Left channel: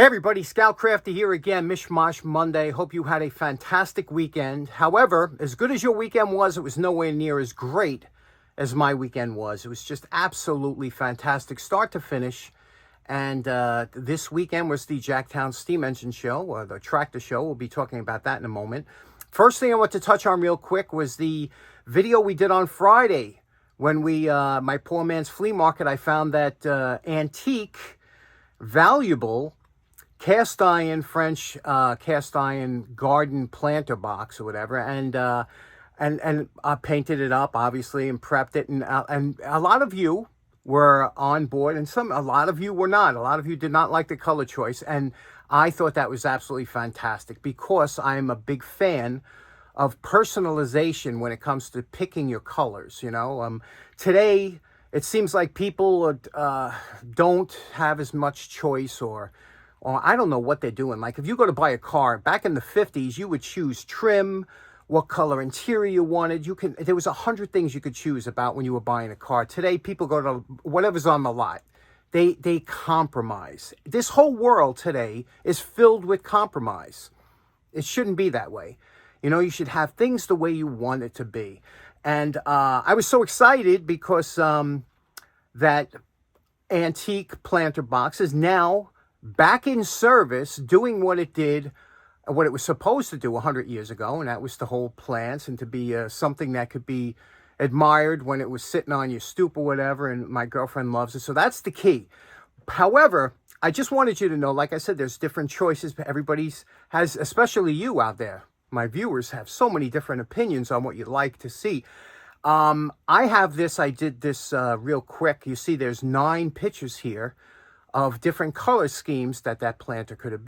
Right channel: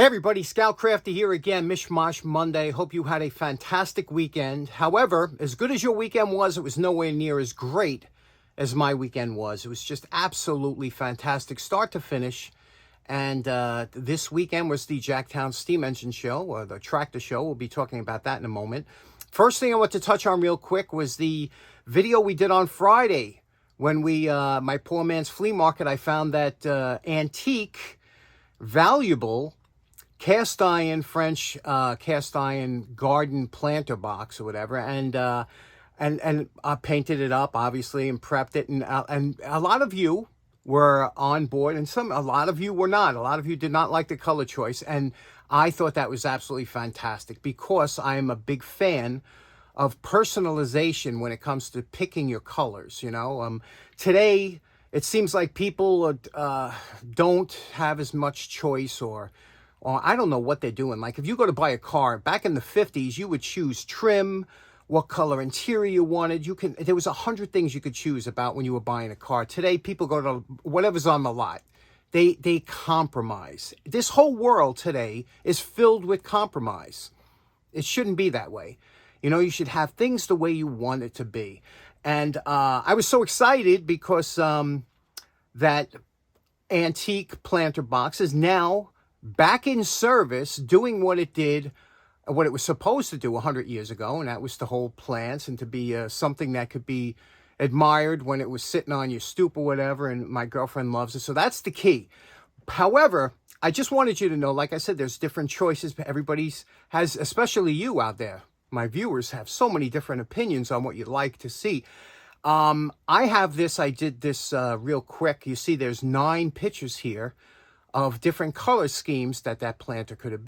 Hey everybody, Scoutcrafter here again, Mishmash Monday. Hope you had a fantastic weekend. However, as good as your weekend was, it was nowhere near as great as my weekend was. It was just absolutely fantastic, start to finish. And this weekend was the Jacktown Steam Engine Show, or the Tractor Show. We'll be talking about that in a moment. First thing I want to touch on real quick was the video we did on Friday. When my poor man's flea market, I found that antique, valuable, cast iron French cast iron garden planter box or whatever, and I painted it up obviously and prepped it, and a lot of you were on board, and a lot of you were not. A lot of you did not like the color choice, and I thought that was absolutely fantastic because I am a big fan of personalization when it comes to picking your colors. You know, today it seems like people don't have as much choice, or I don't know what they're doing. Like if you go to buy a car, back in the 50s, you would choose trim, what color interior you wanted. There was 100 things you could choose about when you were buying a car. Today, people go to whatever's on the lot. They compromise. This whole world today is filled with compromise. It shouldn't be that way. You know, you should have things the way you want it to be. And I was so excited because that antique planter box is now back in service, doing what it did, what it was supposed to do 100 years ago, and that was to hold plants and to be something that could be admired when it was sitting on your stoop or whatever, and my girlfriend loves it, so that's the key. However, I just wanted you to know, like I said, there's different choices. Everybody's has, especially you out there, my viewers, have so many different opinions on what you'd like to see. I have this, I did this real quick. You see there's 9 pictures here of different color schemes that planter could have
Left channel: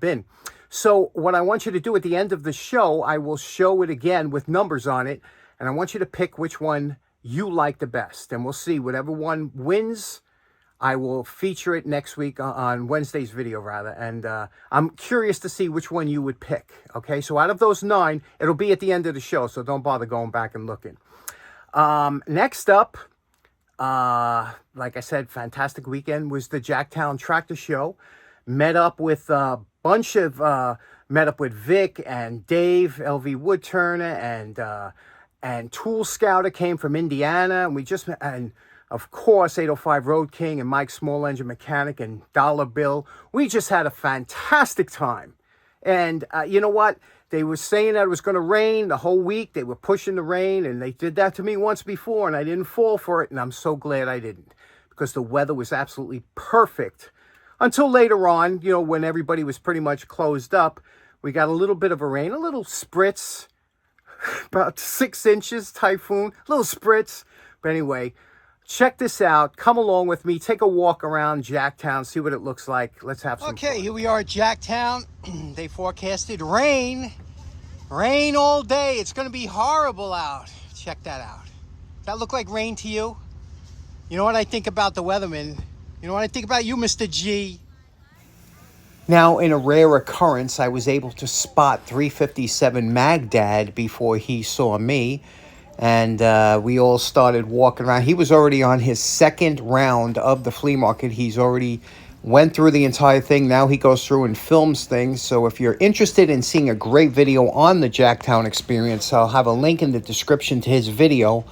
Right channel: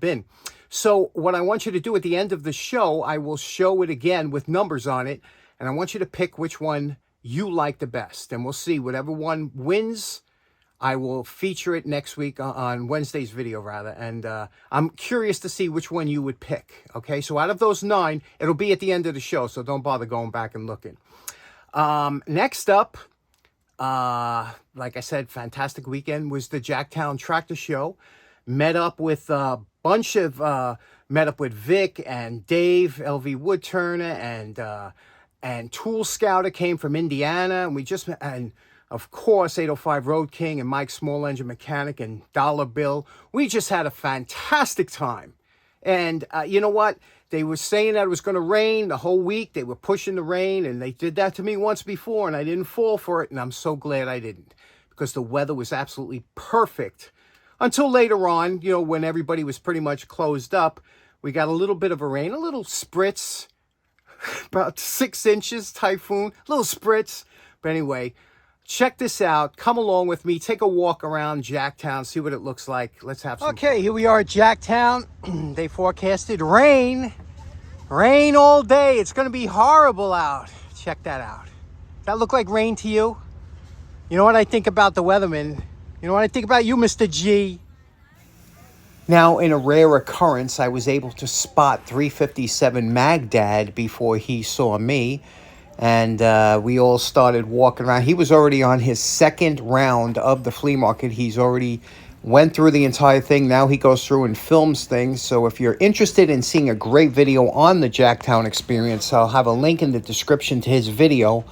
been. So what I want you to do at the end of the show, I will show it again with numbers on it, and I want you to pick which one you like the best, and we'll see. Whatever one wins, I will feature it next week on Wednesday's video, rather, and I'm curious to see which one you would pick. Okay, so out of those 9, it'll be at the end of the show, so don't bother going back and looking. Next up, like I said, fantastic weekend was the Jacktown Tractor Show. Met up with Vic and Dave, LV Woodturner, and Tool Scouter came from Indiana, and of course 805 Road King and Mike Small Engine Mechanic and Dollar Bill. We just had a fantastic time. And you know what? They were saying that it was going to rain the whole week. They were pushing the rain, and they did that to me once before, and I didn't fall for it, and I'm so glad I didn't, because the weather was absolutely perfect. Until later on, you know, when everybody was pretty much closed up, we got a little bit of a rain, a little spritz, about 6 inches, typhoon, a little spritz. But anyway, check this out. Come along with me. Take a walk around Jacktown. See what it looks like. Let's have some fun. Here we are at Jacktown. They forecasted rain. Rain all day. It's going to be horrible out. Check that out. Does that look like rain to you? You know what I think about the weatherman? You know what I think about you, Mr. G? Now, in a rare occurrence, I was able to spot 357 Magdad before he saw me. And we all started walking around. He was already on his second round of the flea market. He's already went through the entire thing. Now he goes through and films things. So if you're interested in seeing a great video on the Jacktown experience, I'll have a link in the description to his video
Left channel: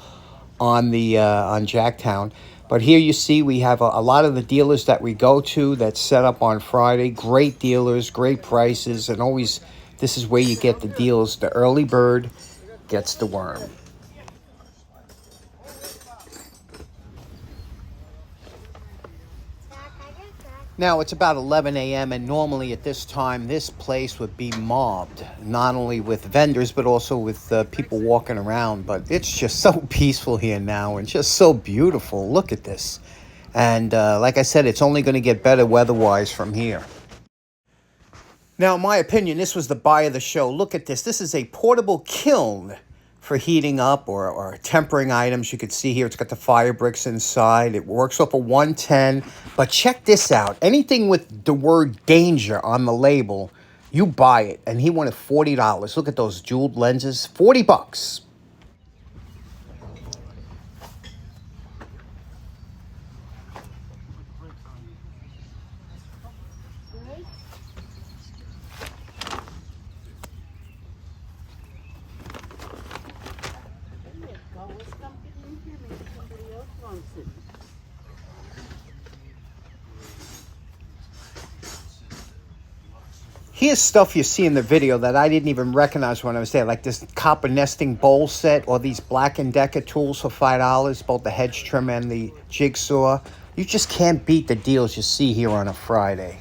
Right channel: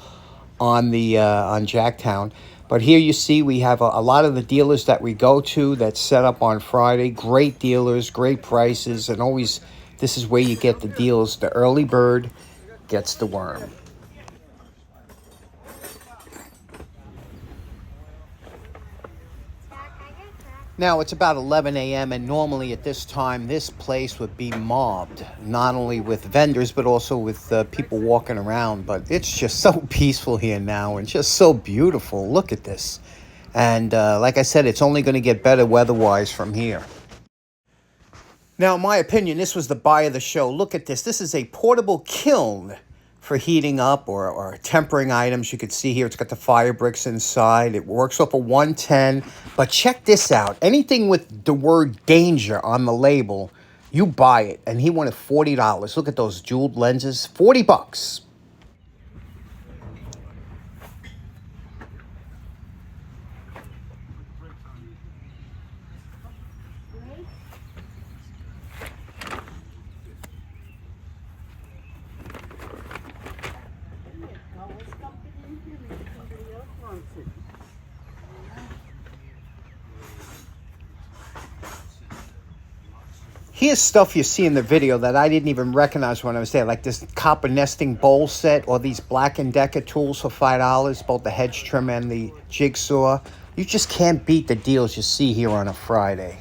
on Jacktown. But here you see we have a lot of the dealers that we go to that's set up on Friday. Great dealers, great prices, and always this is where you get the deals. The early bird gets the worm. Now, it's about 11 a.m., and normally at this time, this place would be mobbed, not only with vendors, but also with people walking around. But it's just so peaceful here now and just so beautiful. Look at this. And like I said, it's only going to get better weather-wise from here. Now, in my opinion, this was the buy of the show. Look at this. This is a portable kiln for heating up or tempering items. You can see here it's got the fire bricks inside. It works off a 110. But check this out. Anything with the word danger on the label, you buy it. And he wanted $40. Look at those jeweled lenses. $40. Here's stuff you see in the video that I didn't even recognize when I was there, like this copper nesting bowl set or these Black & Decker tools for $5, both the hedge trimmer and the jigsaw. You just can't beat the deals you see here on a Friday.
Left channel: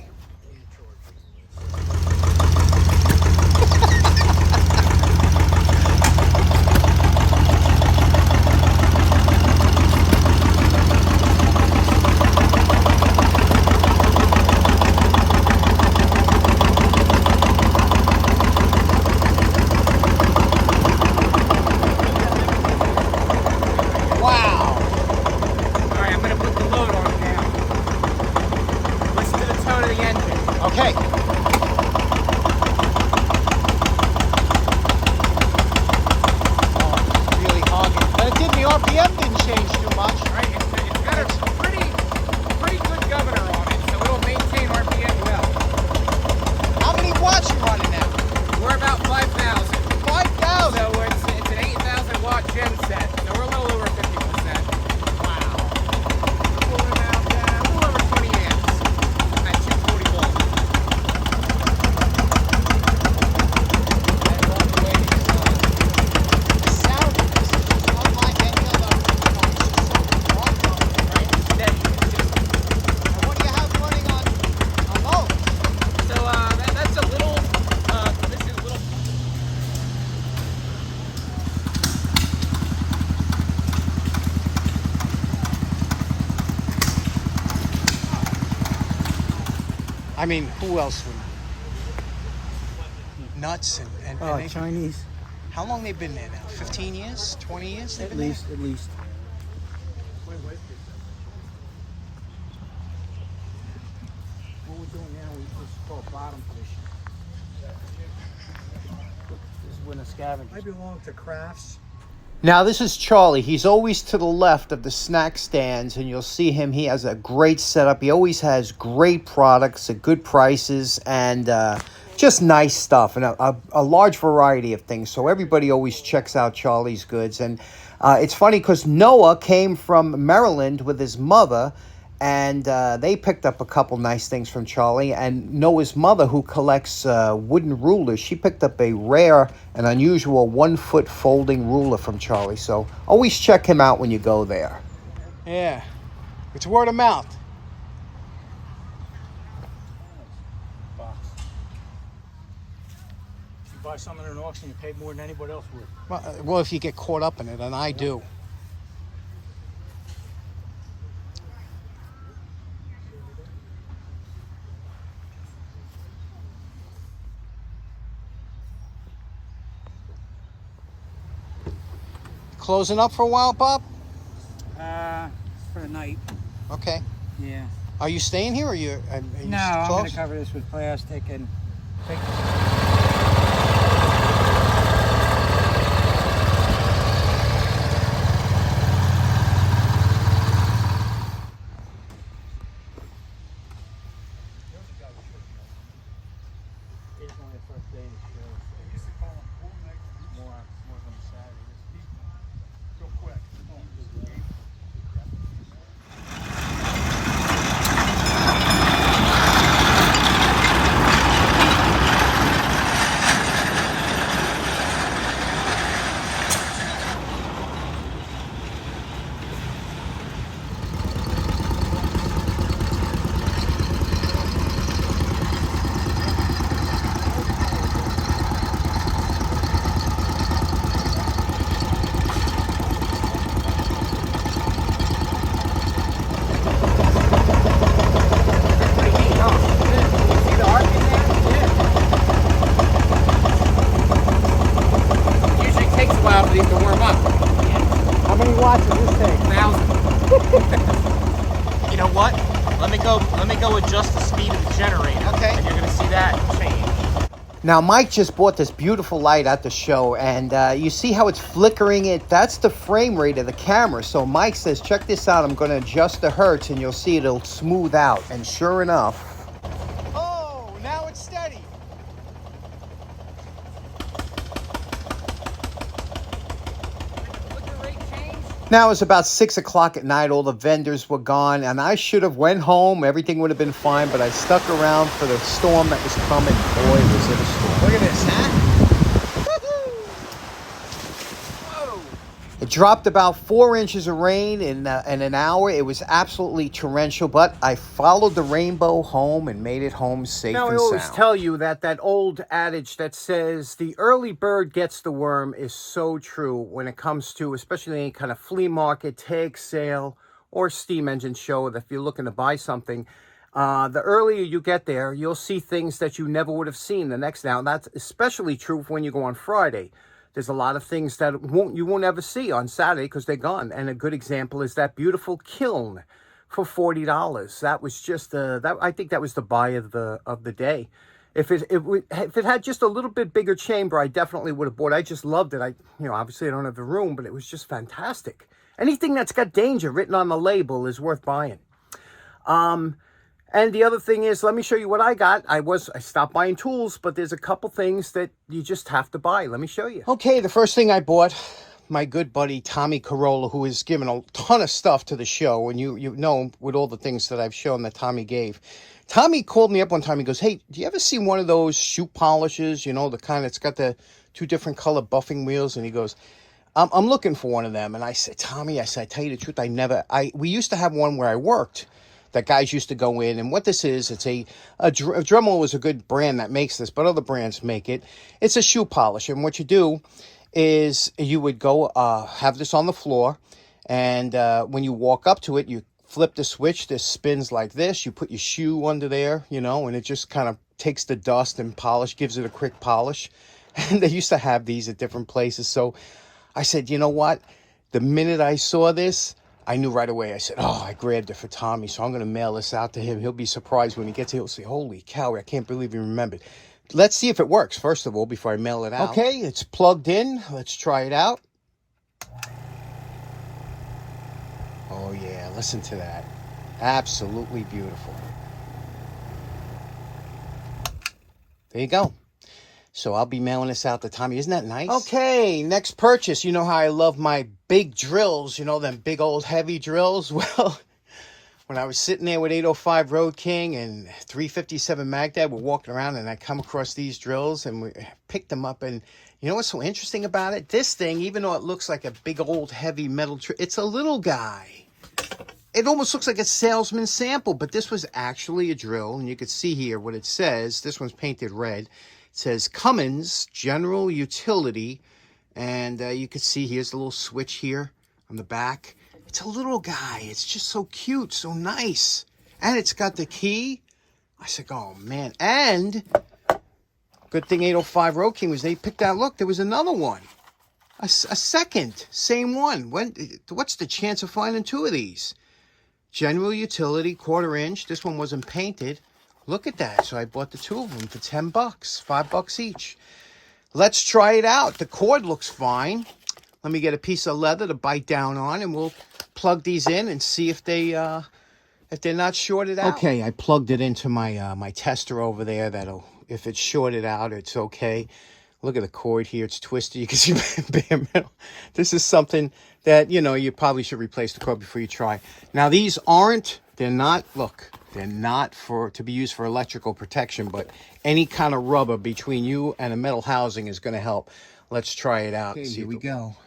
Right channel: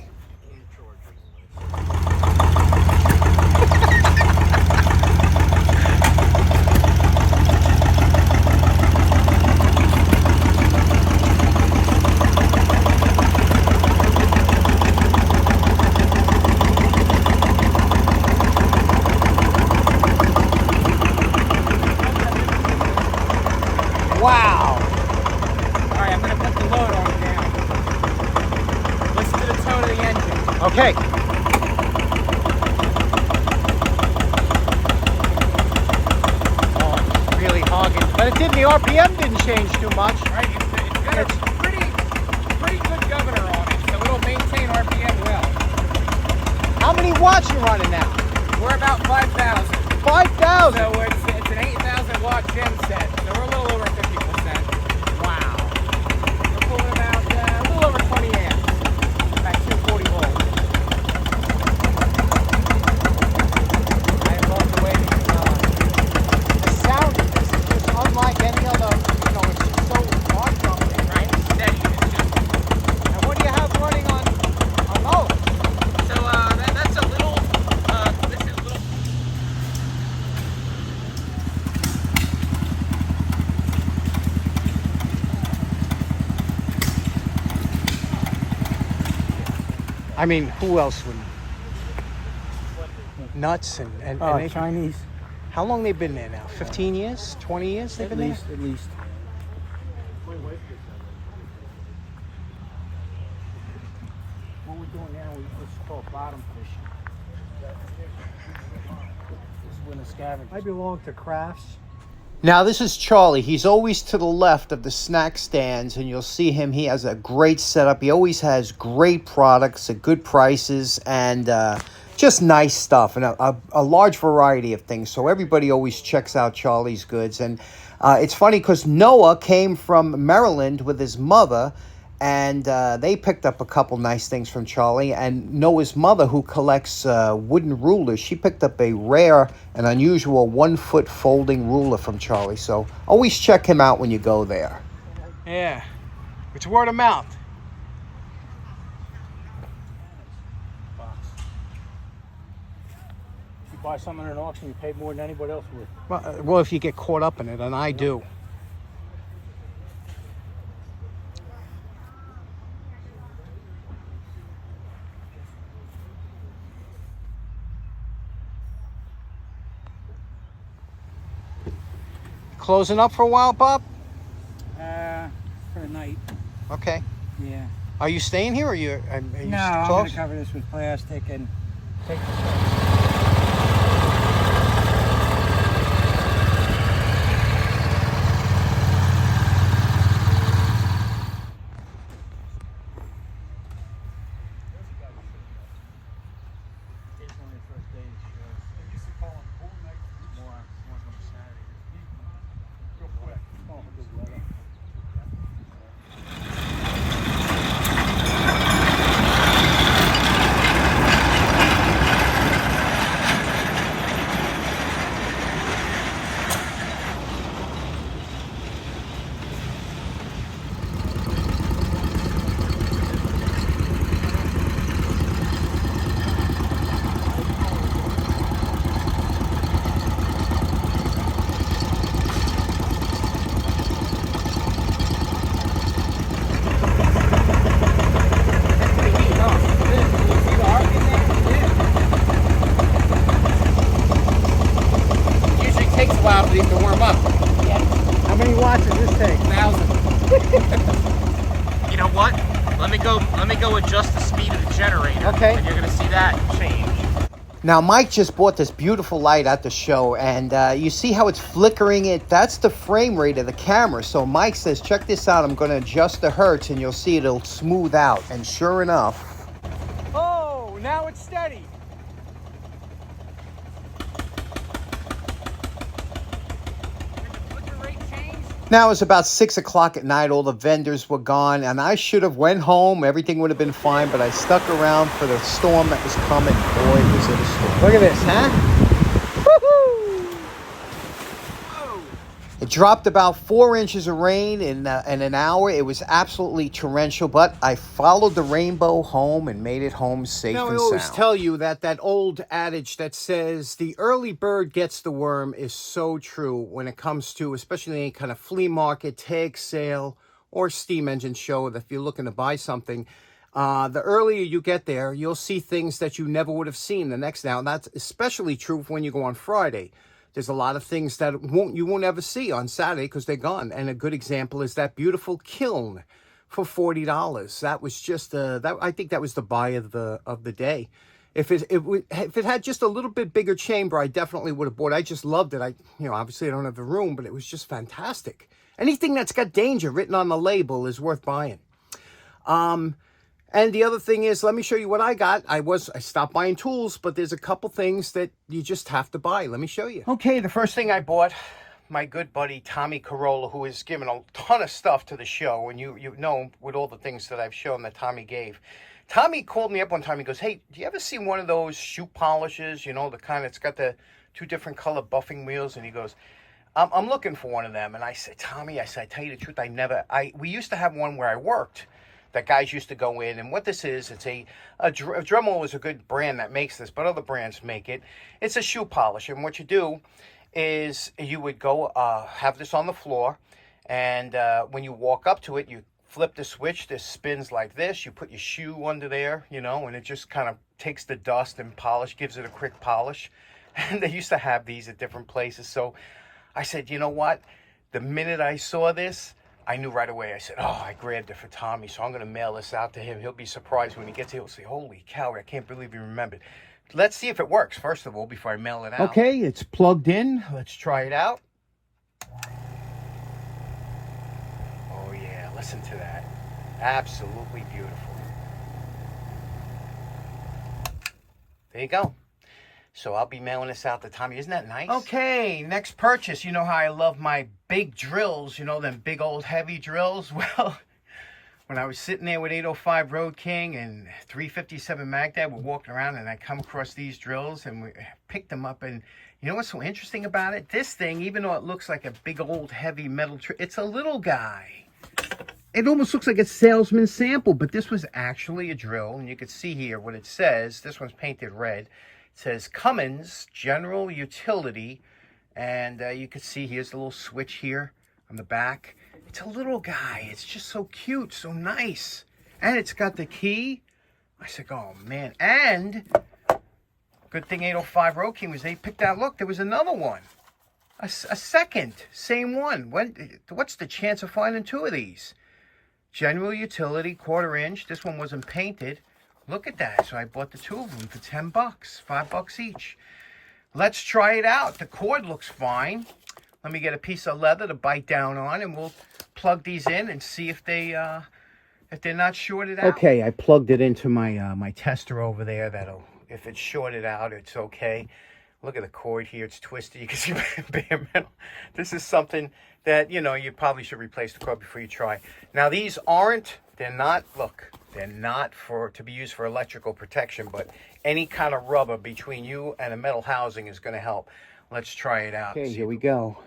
Wow. All right, I'm going to put the load on it now. Listen to the tone of the engine. Okay. Oh, really hogging. But it didn't, the RPM didn't change too much. Right, it's got a pretty good governor on it, so it'll maintain RPM well. How many watts you running now? We're about 5,000. 5,000? So it's an 8,000 watt gen set, so we're a little over 50%. Wow. We're pulling about a little over 20 amps at 220 volts. And by the way, the sound of this is just unlike any other, it's just so heartwarming, right? Steady. And what do you have running on those? So that's a little, this is a little. I mean, who else would? Nuts and they, Chinese. how long they been there now? 15 years? 20 years they've been there? At least. What we're doing now, it's called bottom fishing. This is when a scavenger. I belong to crafts. Now, this is Charlie. He's always to the left of the snack stands, and you'll see him. He has a great setup. He always has great products at good prices and just nice stuff and a large variety of things. So everybody always checks out Charlie's goods. And it's funny because Noah came from Maryland with his mother, and they picked up a couple nice things from Charlie. And Noah's mother, who collects wooden rulers, she picked up a rare and unusual 1-foot folding ruler from Charlie. So always check him out when you go there. Yeah, it's word of mouth. You buy something at an auction, you pay more than anybody else would. Well, if you get caught up in it, and I do. Closing up for a while, Bob? For the night. Okay. Yeah. Are you staying here, or you? No, I'm going to cover this with plastic and take. Let me go adjust the speed of the generator. Okay. And you're going to see that change. Now, Mike just bought this beautiful light at the show, and you see how it's flickering it? That's the frame rate of the camera. So Mike says, check this out. I'm going to adjust the hertz, and you'll see it'll smooth out. And sure enough... Oh, Now it's about 6 o'clock at night. All the vendors were gone, and I should have went home. Everything would have been fine, but I stuck around for the storm that was coming. Boy, was it a storm. Look at this, huh? It dropped about 4 inches of rain in an hour. It was absolutely torrential, but I followed the rainbow home and made it home safe and sound. Now, I always tell you that old adage that says the early bird gets the worm is so true when it comes to especially any kind of flea market, tag sale, or steam engine show. That if you're looking to buy something, the earlier you get there, you'll see things that you never would have seen the next now. And that's especially true when you go on Friday. There's a lot of things that you won't ever see on Saturday because they're gone. And a good example is that beautiful kiln for $40. That was just I think that was the buy of the day. If it had just a little bit bigger chamber, I definitely would have bought it. I just loved it. Obviously I don't have the room, but it was just fantastic. Anything that's got danger written on the label is worth buying. And the other thing is, let me show you what I got. I stopped buying tools, but there's a couple things that you just have to buy. Let me show you. Okay, the first thing I bought, my good buddy Tommy Corolla, who has given a ton of stuff to the show, and you know him with all the things that I've shown that Tommy gave. Tommy called me up one time. He goes, "Hey, do you ever see one of those shoe polishes? You know, the kind that's got the 2 different color buffing wheels?" And he goes, I'm looking for one of them. And I said, Tommy, I tell you the truth, we used to have one where I worked that guys used to go in. And what this is, it's a Dremel is a good brand that makes this, but other brands make it. It's a shoe polish. And what you do is you would go have this on the floor. And when you walk up to it, you flip the switch. This spins like this. You put your shoe under there, and it just kind of takes the dust and polish, gives it a quick polish. And they used to have these at different places. So I said, you know what? The minute I saw this, I knew right away. I said, I grabbed it for Tommy, so I'm going to mail this out to him. He'll be surprised when he gets it. He'll say, holy cow, I can't believe you remembered. Let's see if it works, first of all, before I mail it out. Okay, it's plugged in. Let's try it out. Oh, yeah, listen to that. Absolutely beautiful. There you go. So I'll be mailing this out to Tommy. Isn't that nice? Okay, next purchase. You know how I love my big drills, them big old heavy drills? Well, when I was sitting there with 805 Road King and 357 Magdad, we're walking around and I come across these drills and we picked them up. And you know what's so interesting about it? This thing, even though it looks like a big old heavy metal, it's a little guy. It almost looks like a salesman sample, but this was actually a drill. And you can see here what it says. This one's painted red. It says Cummins General Utility, and you can see here's the little switch here on the back. It's a little guy. It's just so cute, so nice. And it's got the key. I said, oh, man. And good thing 805 Road King was they picked out. Look, there was another one. A second. Same one. What's the chance of finding 2 of these? General Utility, 1/4 inch. This one wasn't painted. Look at that. So I bought the 2 of them for $10, $5 each. Let's try it out. The cord looks fine. Let me get a piece of leather to bite down on, and we'll plug these in and see if they're not shorted out. Okay, I plugged it into my my tester over there. If it's shorted out, it's okay. Look at the cord here. It's twisted. You can see bare metal. This is something that, you probably should replace the cord before you try. Now, these they're not to be used for electrical protection, but any kind of rubber between you and a metal housing is going to help. Let's try it out. Okay, here we go.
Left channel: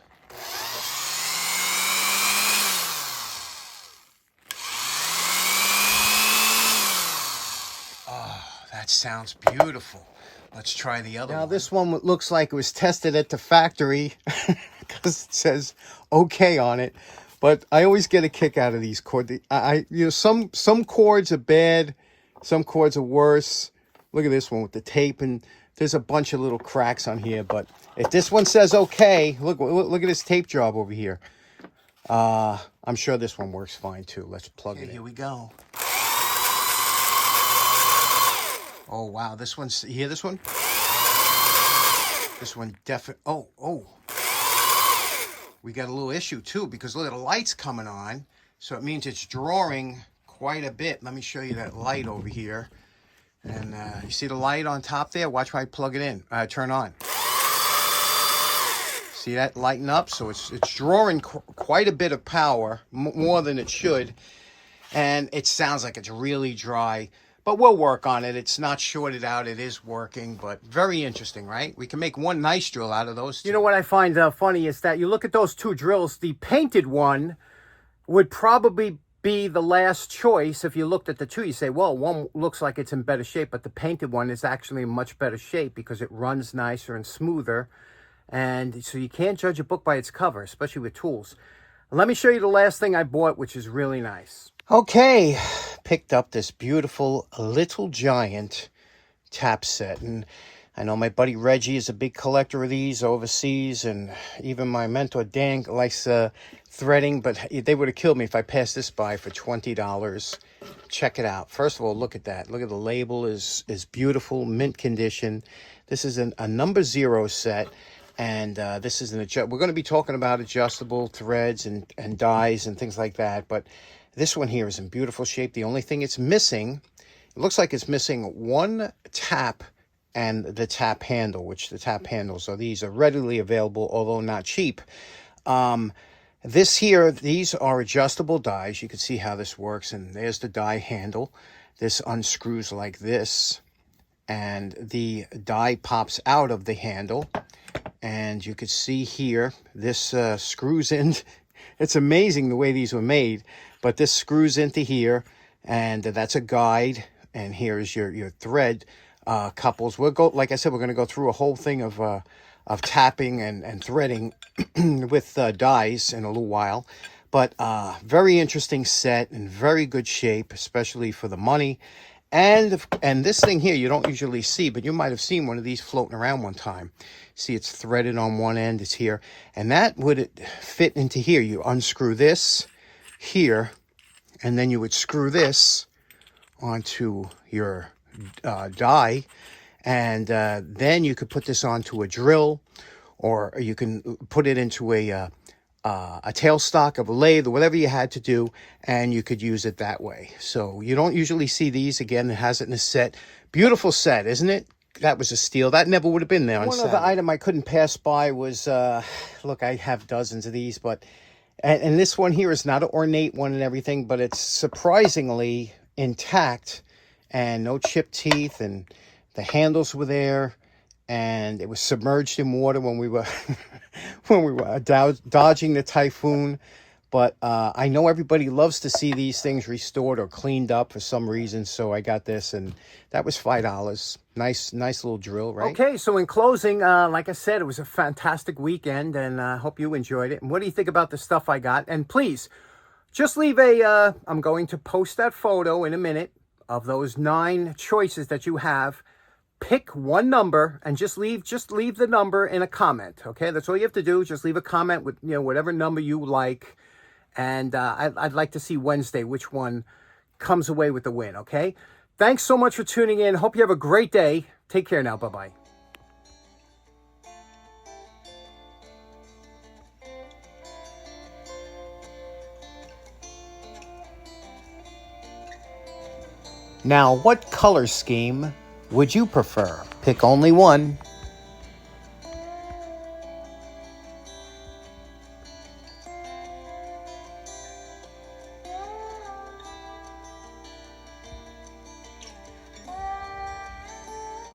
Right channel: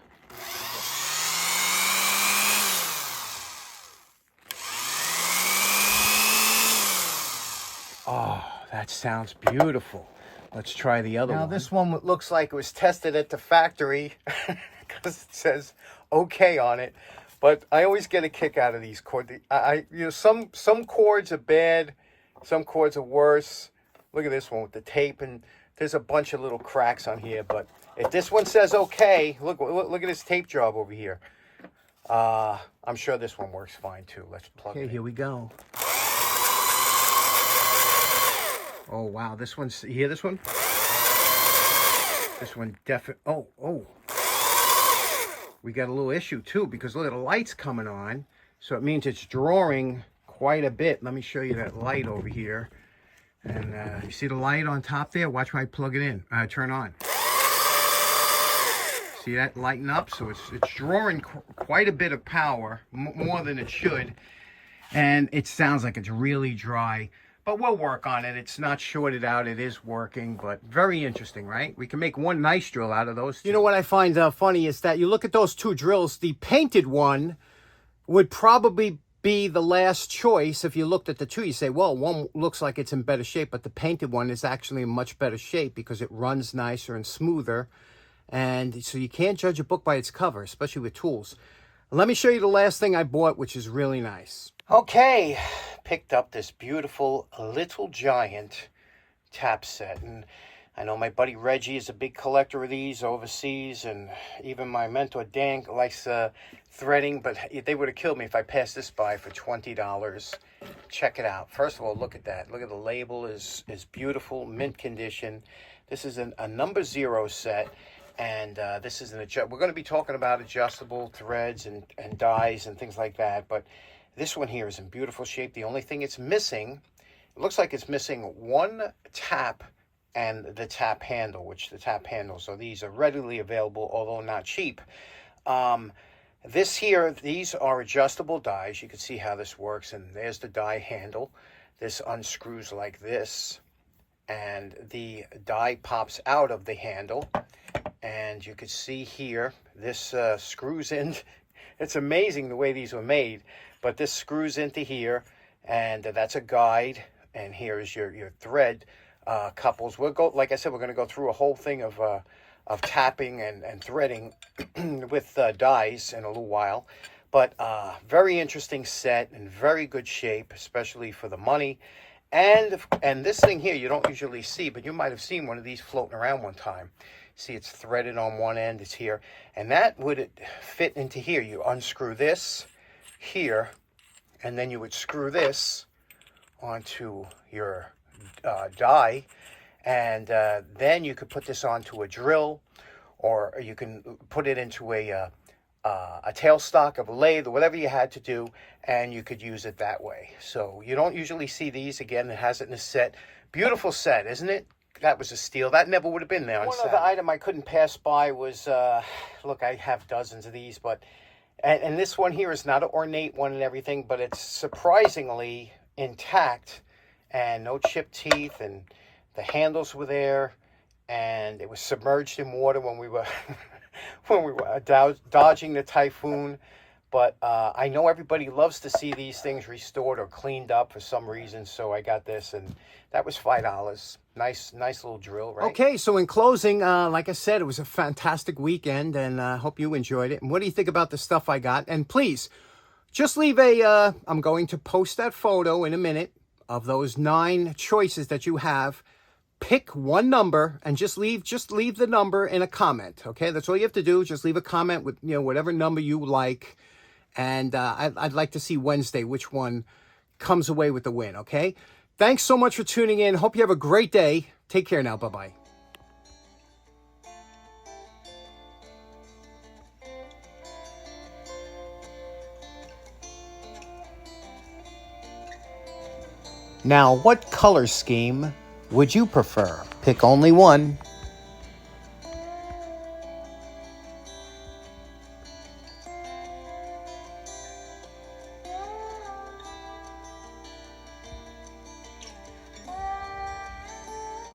Oh, that sounds beautiful. Let's try the other one. Now, this one looks like it was tested at the factory because it says okay on it. But I always get a kick out of these cords. Some cords are bad, some cords are worse. Look at this one with the tape, and there's a bunch of little cracks on here. But if this one says okay, look at this tape job over here. I'm sure this one works fine too. Let's plug it in. Here we go. Oh wow, this one's, you hear this one? This one definitely. Oh. We got a little issue too, because look at the lights coming on. So it means it's drawing quite a bit. Let me show you that light over here. And you see the light on top there? Watch when I plug it in. Turn on. See that lighten up? So it's drawing quite a bit of power, more than it should. And it sounds like it's really dry. But we'll work on it. It's not shorted out. It is working, but very interesting, right? We can make one nice drill out of those two. You know what I find funny is that you look at those two drills, the painted one would probably be the last choice. If you looked at the two, you say, well, one looks like it's in better shape, but the painted one is actually in much better shape because it runs nicer and smoother. And so you can't judge a book by its cover, especially with tools. Let me show you the last thing I bought, which is really nice. Okay, picked up this beautiful Little Giant tap set. And I know my buddy Reggie is a big collector of these overseas, and even my mentor Dan likes threading, but they would have killed me if I passed this by for $20. Check it out. First of all, look at that. Look at the label is beautiful, mint condition. This is a number 0 set. And this is we're going to be talking about adjustable threads and dies and things like that. But this one here is in beautiful shape. The only thing it's missing, it looks like it's missing one tap and the tap handle, which the tap handles are these are readily available, although not cheap. These are adjustable dies. You can see how this works. And there's the die handle. This unscrews like this. And the die pops out of the handle. And you could see here, this screws in. It's amazing the way these were made, but this screws into here, and that's a guide. And here's your thread couples. We'll go, like I said, we're going to go through a whole thing of tapping and threading with dies in a little while. But very interesting set, in very good shape, especially for the money. And this thing here you don't usually see, but you might have seen one of these floating around one time. See, it's threaded on one end, it's here. And that would fit into here. You unscrew this here, and then you would screw this onto your die. And then you could put this onto a drill, or you can put it into a tailstock of a lathe, or whatever you had to do, and you could use it that way. So you don't usually see these. Again, it has it in a set. Beautiful set, isn't it? That was a steal. That never would have been there. One other item I couldn't pass by was, look, I have dozens of these, but, and this one here is not an ornate one and everything, but it's surprisingly intact and no chipped teeth, and the handles were there, and it was submerged in water when we were dodging the typhoon. But I know everybody loves to see these things restored or cleaned up for some reason, so I got this, and that was $5. Nice little drill, right? Okay, so in closing, like I said, it was a fantastic weekend, and I hope you enjoyed it. And what do you think about the stuff I got? And please, just leave I'm going to post that photo in a minute of those 9 choices that you have. Pick one number and just leave the number in a comment, okay? That's all you have to do. Just leave a comment with, whatever number you like. And I'd like to see Wednesday which one comes away with the win, okay? Thanks so much for tuning in. Hope you have a great day. Take care now. Bye-bye. Now, what color scheme would you prefer? Pick only one.